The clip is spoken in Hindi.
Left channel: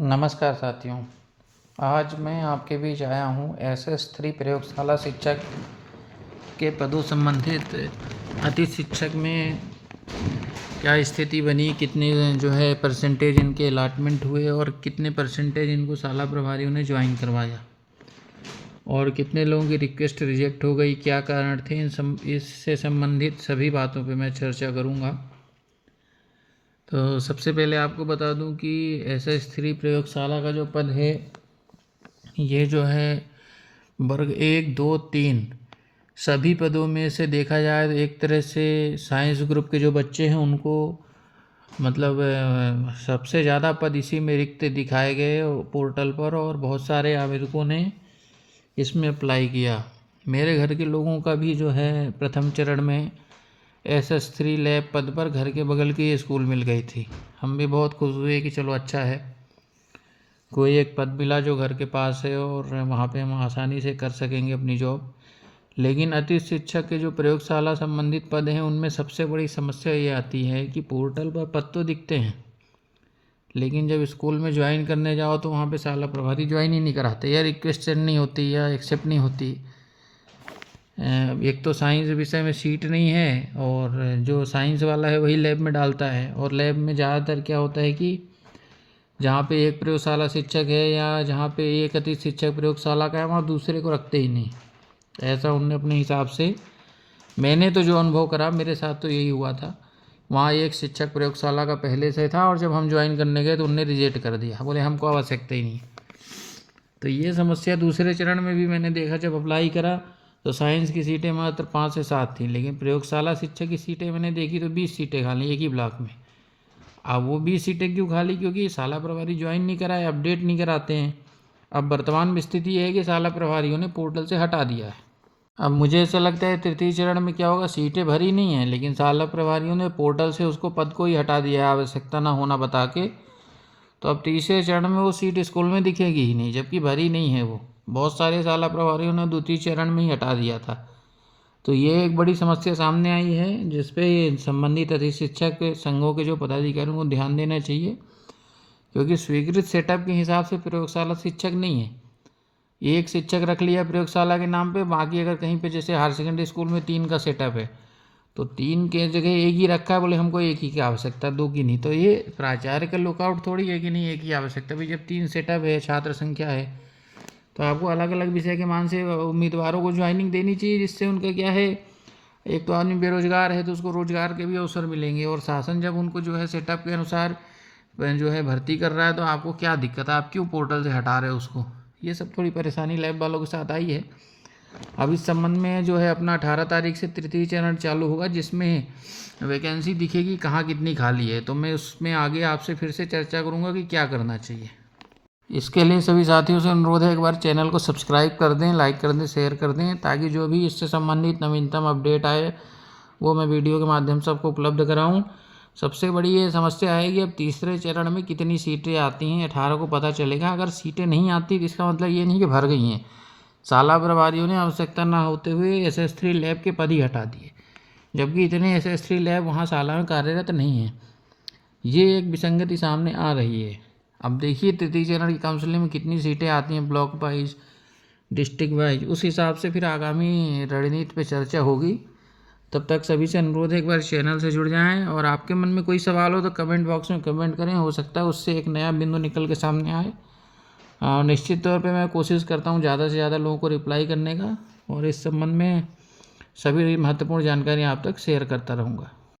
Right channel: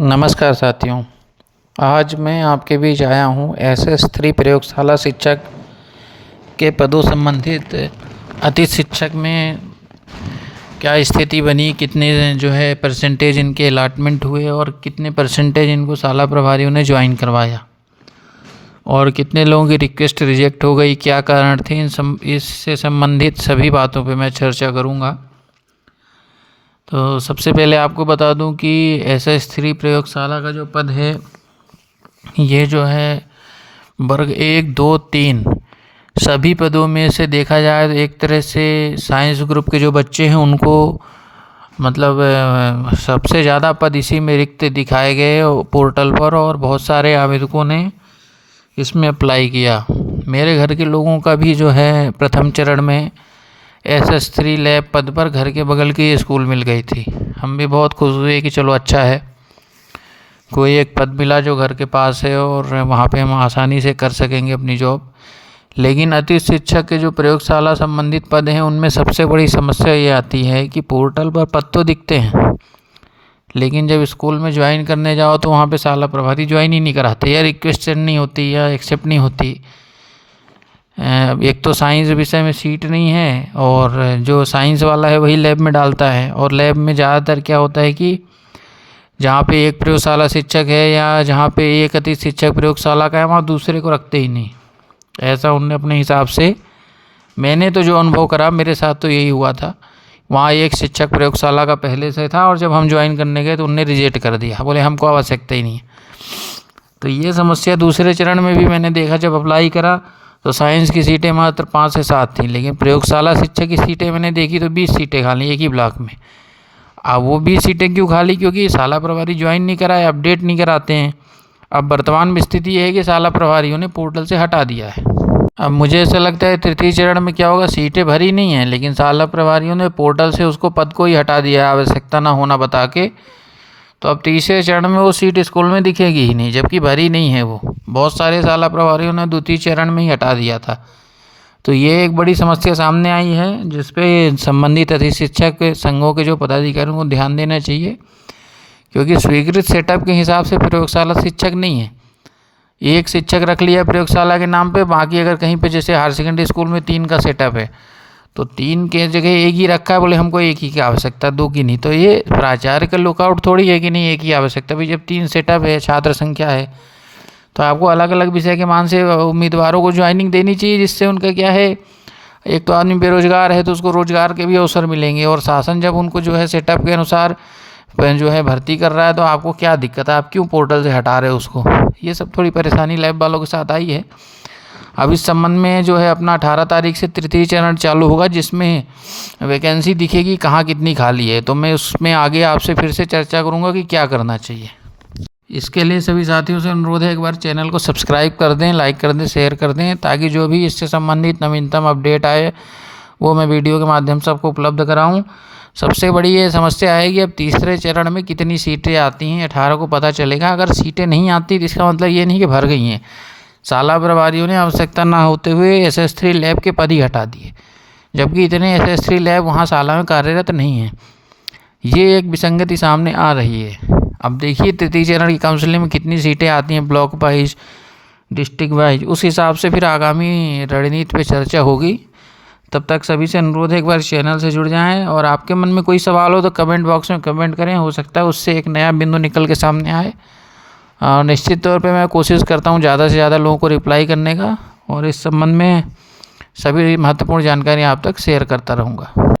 नमस्कार साथियों। आज मैं आपके बीच आया हूँ SS3 प्रयोगशाला शिक्षक के पदों संबंधित अतिथि शिक्षक में क्या स्थिति बनी, कितने जो है परसेंटेज इनके अलॉटमेंट हुए और कितने परसेंटेज इनको शाला प्रभारियों ने ज्वाइन करवाया और कितने लोगों की रिक्वेस्ट रिजेक्ट हो गई, क्या कारण थे, इससे संबंधित सभी बातों पे मैं चर्चा करूँगा। तो सबसे पहले आपको बता दूं कि SS3 प्रयोगशाला का जो पद है ये जो है वर्ग 1, 2, 3 सभी पदों में से देखा जाए तो एक तरह से साइंस ग्रुप के जो बच्चे हैं उनको मतलब सबसे ज़्यादा पद इसी में रिक्त दिखाए गए पोर्टल पर और बहुत सारे आवेदकों ने इसमें अप्लाई किया। मेरे घर के लोगों का भी जो है प्रथम चरण में SS3 लैब पद पर घर के बगल की स्कूल मिल गई थी। हम भी बहुत खुश हुए कि चलो अच्छा है, कोई एक पद मिला जो घर के पास है और वहाँ पे हम आसानी से कर सकेंगे अपनी जॉब। लेकिन अतिथि शिक्षक के जो प्रयोगशाला संबंधित पद हैं उनमें सबसे बड़ी समस्या ये आती है कि पोर्टल पर पद तो दिखते हैं लेकिन जब स्कूल में ज्वाइन करने जाओ तो वहाँ पे शाला प्रभारी ज्वाइन ही नहीं कराते, या रिक्वेस्ट सेंड नहीं होती या एक्सेप्ट नहीं होती। एक तो साइंस विषय में सीट नहीं है और जो साइंस वाला है वही लैब में डालता है, और लैब में ज़्यादातर क्या होता है कि जहाँ पे एक प्रयोगशाला शिक्षक है या जहाँ पे एक अतिथि शिक्षक प्रयोगशाला का है वहाँ दूसरे को रखते ही नहीं। ऐसा उनने अपने हिसाब से, मैंने तो जो अनुभव करा मेरे साथ तो यही हुआ था। वहाँ एक शिक्षक प्रयोगशाला का पहले से था और जब हम ज्वाइन करने गए तो उनने रिजेक्ट कर दिया, बोले हमको आवश्यकता ही नहीं है। तो ये समस्या दूसरे चरण में भी मैंने देखा, जब अप्लाई करा तो साइंस की सीटें मात्र 5 से 7 थी, लेकिन प्रयोगशाला शिक्षक की सीटें मैंने देखी तो 20 सीटें खाली एक ही ब्लॉक में। अब वो 20 सीटें क्यों खाली? क्योंकि शाला प्रभारी ज्वाइन नहीं कराए, अपडेट नहीं कराते हैं। अब वर्तमान में स्थिति ये है कि शाला प्रभारियों ने पोर्टल से हटा दिया है। अब मुझे ऐसा लगता है तृतीय चरण में क्या होगा, सीटें भरी नहीं हैं लेकिन शाला प्रभारियों ने पोर्टल से उसको पद को ही हटा दिया है आवश्यकता ना होना बता के। तो अब तीसरे चरण में वो सीट स्कूल में दिखेगी ही नहीं, जबकि भरी नहीं है वो। बहुत सारे शाला प्रभारियों ने द्वितीय चरण में ही हटा दिया था। तो ये एक बड़ी समस्या सामने आई है जिस पे संबंधित अतिथि शिक्षक संघों के जो पदाधिकारियों को ध्यान देना चाहिए, क्योंकि स्वीकृत सेटअप के हिसाब से प्रयोगशाला शिक्षक नहीं है। एक शिक्षक रख लिया प्रयोगशाला के नाम पे, बाकी अगर कहीं पे जैसे हायर सेकेंडरी स्कूल में 3 का सेटअप है तो 3 के जगह एक ही रखा है, बोले हमको एक ही की आवश्यकता, 2 की नहीं। तो ये प्राचार्य का लुकआउट थोड़ी है कि नहीं एक ही आवश्यकता। भाई जब 3 सेटअप है, छात्र संख्या है, तो आपको अलग अलग विषय के मान से उम्मीदवारों को ज्वाइनिंग देनी चाहिए, जिससे उनका क्या है, एक तो आदमी बेरोजगार है तो उसको रोजगार के भी अवसर मिलेंगे, और शासन जब उनको जो है सेटअप के अनुसार जो है भर्ती कर रहा है तो आपको क्या दिक्कत है, आप क्यों पोर्टल से हटा रहे हो उसको। ये सब थोड़ी परेशानी लैब वालों के साथ आई है। अब इस संबंध में जो है अपना 18 तारीख से तृतीय चरण चालू होगा, जिसमें वैकेंसी दिखेगी कहाँ कितनी खाली है। तो मैं उसमें आगे आपसे फिर से चर्चा करूँगा कि क्या करना चाहिए। इसके लिए सभी साथियों से अनुरोध है, एक बार चैनल को सब्सक्राइब कर दें, लाइक कर दें, शेयर कर दें, ताकि जो भी इससे संबंधित नवीनतम अपडेट आए वो मैं वीडियो के माध्यम से आपको उपलब्ध कराऊँ। सबसे बड़ी ये समस्या है कि अब तीसरे चरण में कितनी सीटें आती हैं 18 को पता चलेगा। अगर सीटें नहीं आती तो इसका मतलब ये नहीं कि भर गई हैं। शाला प्रभारियों ने आवश्यकता ना होते हुए SS3 लैब के पद ही हटा दिए, जबकि इतने SS3 लैब वहाँ शाला में कार्यरत नहीं हैं। ये एक विसंगति सामने आ रही है। अब देखिए तृतीय चरण की काउंसलिंग में कितनी सीटें आती हैं, ब्लॉक वाइज, डिस्ट्रिक्ट वाइज, उस हिसाब से फिर आगामी रणनीति पे चर्चा होगी। तब तक सभी से अनुरोध है एक बार चैनल से जुड़ जाएं, और आपके मन में कोई सवाल हो तो कमेंट बॉक्स में कमेंट करें, हो सकता है उससे एक नया बिंदु निकल के सामने आए। और निश्चित तौर पे मैं कोशिश करता हूँ ज़्यादा से ज़्यादा लोगों को रिप्लाई करने का, और इस संबंध में सभी महत्वपूर्ण जानकारी आप तक शेयर करता रहूँगा।